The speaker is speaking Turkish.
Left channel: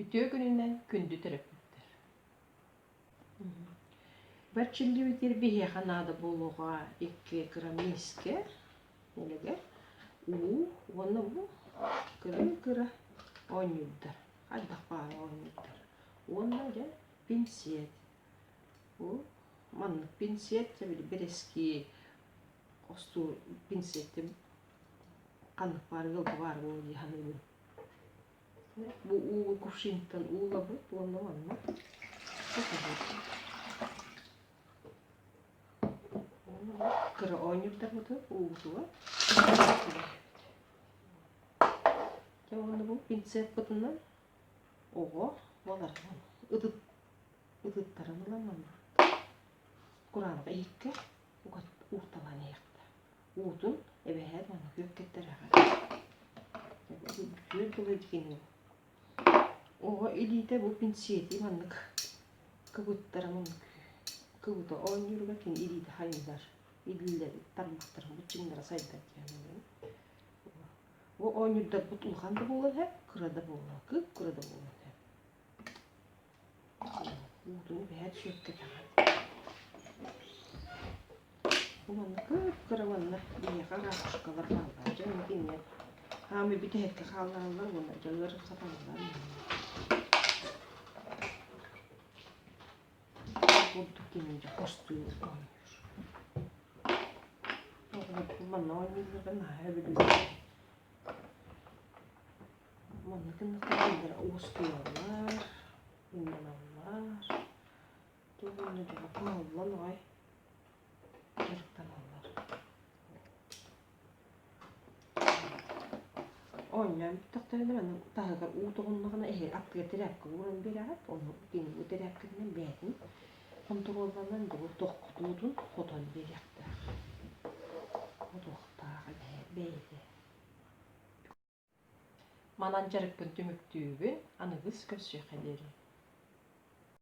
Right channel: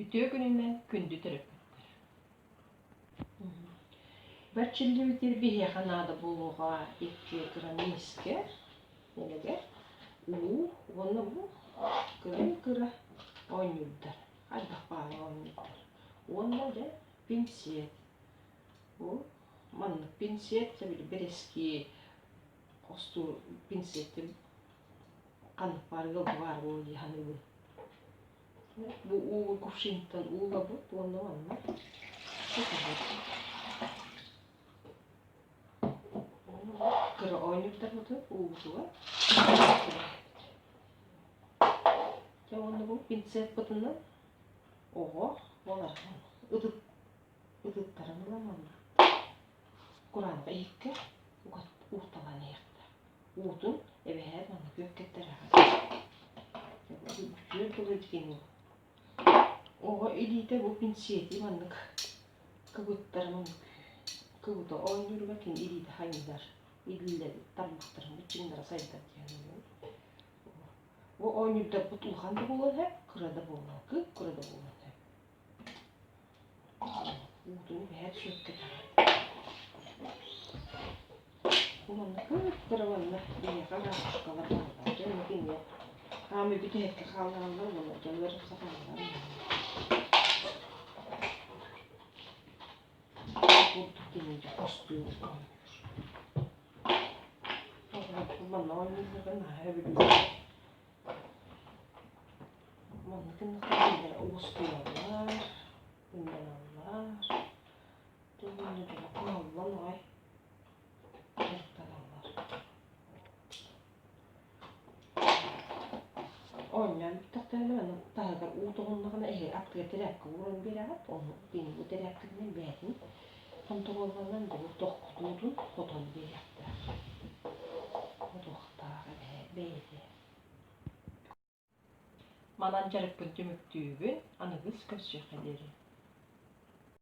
Ütüyor gününden kündü terapettir. Berçilli bitir bir yakanadı buluğa 2 gram miske. Nelege? Onu bu kıra oynuyorlar. Hadi bak oynuyorlar. Ondan da pinsiyet. Bu manlık pinsiyet tabii bir eski kostu pinsiyetim kanık var yolda var o diye bu uğur kuşintan uğla bu onu anla. Çok güzel. Kıra oynuyorlar bu uğurla. Onu bu pinsiyet batından oğo olar. Idıp taranılamam. Kur'an'da ilk uğurtalan yekti. Uğurtun eve her bana göketler yakar. Bütün dolu ettiğini. Oğo elite bu pinsiyeti manlık. Kıvıtlarımın kıvıta oynuyor bakın elite hayırlar. İllileri tarmaktırım uçunlara sayıda diyelim. O oynuyorda butulhan da bulur hep, kırada bulur. Kıp kırada bulur hep. Uğurtun her şey ketar. Ulan kıp kıramanla bir yakar kuşkalar kalır. Canım yine. Hami bir de hep kalırlar bunlar. Canları sapanlar. Bulduk gelince kostuyor oynuyor. Bana oynuyor ben her bir Manlıkın nakilleri uğustuyorlar. İnananlar. Dönünü de bakın Allah'ın ay. Oynayan bir takdirde ben daha da uğduğunluğuna eğer aklıya terapkı vurun bir at onu benim bu terapkının beğenin. Kontrollerden de bu dokuduğun kodunu bir yaptı. O doktağı beğendi. Manancarık gün tümüktüğün anıgız köz şekeleri.